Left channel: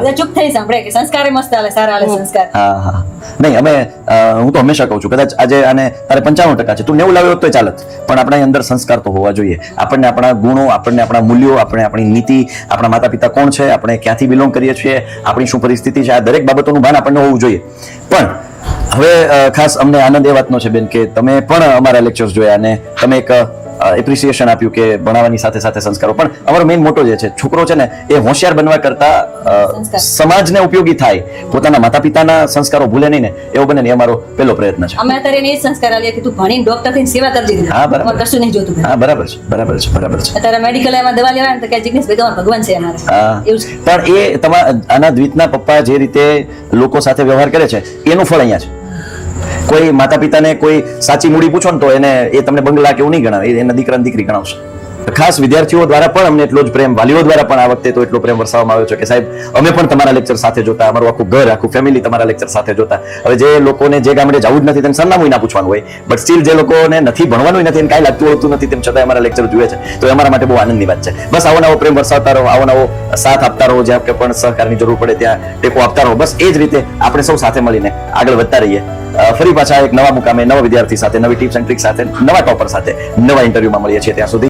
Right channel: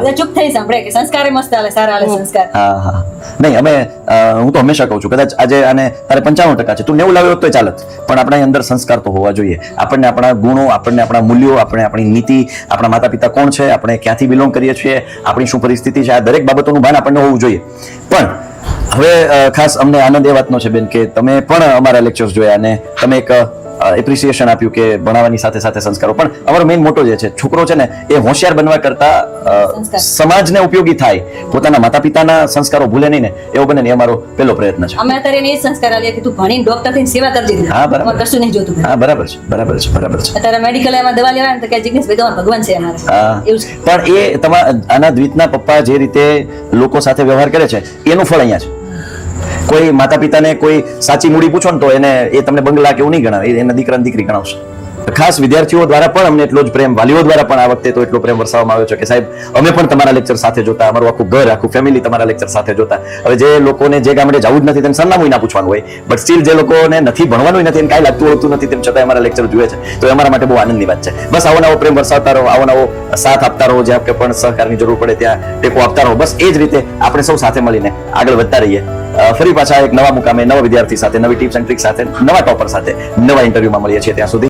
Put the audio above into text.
બધા ચૂપ થઈ સાંભળે કે સંસ્કાર મસ્ત હાલે, સારા હાલે સંસ્કાર. હા નહીં અમે હું તો હંમેશા કહું છું કદાચ આજે આને તારે 95% છે તું 90 લાવ્યો તો ચાલત, પણ આપણા અંદર સંસ્કાર તો હોવા જોઈએ. આપણને આપણા ગુણો, આપણને આપણા મૂલ્યો, આપણે આપણી નીતિ, આપણા માતા પિતા કોણ છે, આપણે ક્યાંથી બિલોંગ કરીએ છીએ, આપણી શું પરિસ્થિતિ છે, આ દરેક બાબતોનું ભાન આપણને હોવું જોઈએ. પણ હવે ખાસ અમને આનંદ એ વાતનો છે બેન કે તમે પણ અમારા લેક્ચર્સ જોયા અને તમે એક એપ્રિસિએશન આપ્યું કે ભણાવવાની સાથે સાથે સંસ્કારો. પણ અમારો મેઇન મોટો જે છે છોકરો છે ને એ હોશિયાર બનવા કરતા સમાજને ઉપયોગી થાય, પોતાના માતા પિતાના સંસ્કારો ભૂલે નહીં ને એવો બને ને એ અમારો પહેલો પ્રયત્ન છે. અમે અત્યારે એ સંસ્કાર આલે કે તું ભણીને ડોક્ટર થઈને સેવા કરજે. કશું નહીં જોતું. હા બરાબર છે. અત્યારે મેડિકલ એમાં દવા લેવા તો કે જિગ્નેશભાઈ તમારો ભગવાન છે અમારો. એવું છે. પણ એ તમારા આના દ્વિતના પપ્પા જે રીતે લોકો સાથે વ્યવહાર કરે છે એનું ફળ અહીંયા છે. કોઈ માતા પિતાને કોઈ સાચી મૂડી પૂછો ને તો એને એ તમને બંગલા કેવું નહીં ગણાવે, એના દીકરા દીકરી ગણાવશે. ખાસ વિદ્યાર્થીઓ દ્વારા પણ અમને એટલો જ પ્રેમ, વાલીઓ દ્વારા પણ આ વખતે તો એટલો પ્રેમ વરસાવવામાં આવ્યો છે કે સાહેબ અમે પણ તમારા લેક્ચર સાથે જોતા, ફેમિલી તમારા લેક્ચર સાથે જોતા. બટ સ્ટીલ જે લોકોને નથી ભણવાનું નથી, એને કાંઈ લાગતું હોતું નથી, તેમ છતાં અમારા લેક્ચર જુએ છે, તો એ અમારા માટે બહુ આનંદની વાત છે. બસ આવો નવો પ્રેમ વરસાવતા રહો, આવો નવો સાથ આપતા રહો, જ્યાં કે પણ સહકારની જરૂર પડે ત્યાં ટેકો આપતા રહો. બસ એ જ રીતે આપણે સૌ સાથે મળીને આગળ વધતા રહીએ. ફરી પાછા એક નવા મુકામે, નવા વિદ્યાર્થી સાથે, નવી ટિપ્સ એન્ડ ટ્રિક્સ સાથે, નવા ટોપર સાથે, નવા ઇન્ટરવ્યુમાં મળીએ છીએ. ત્યાં સુધી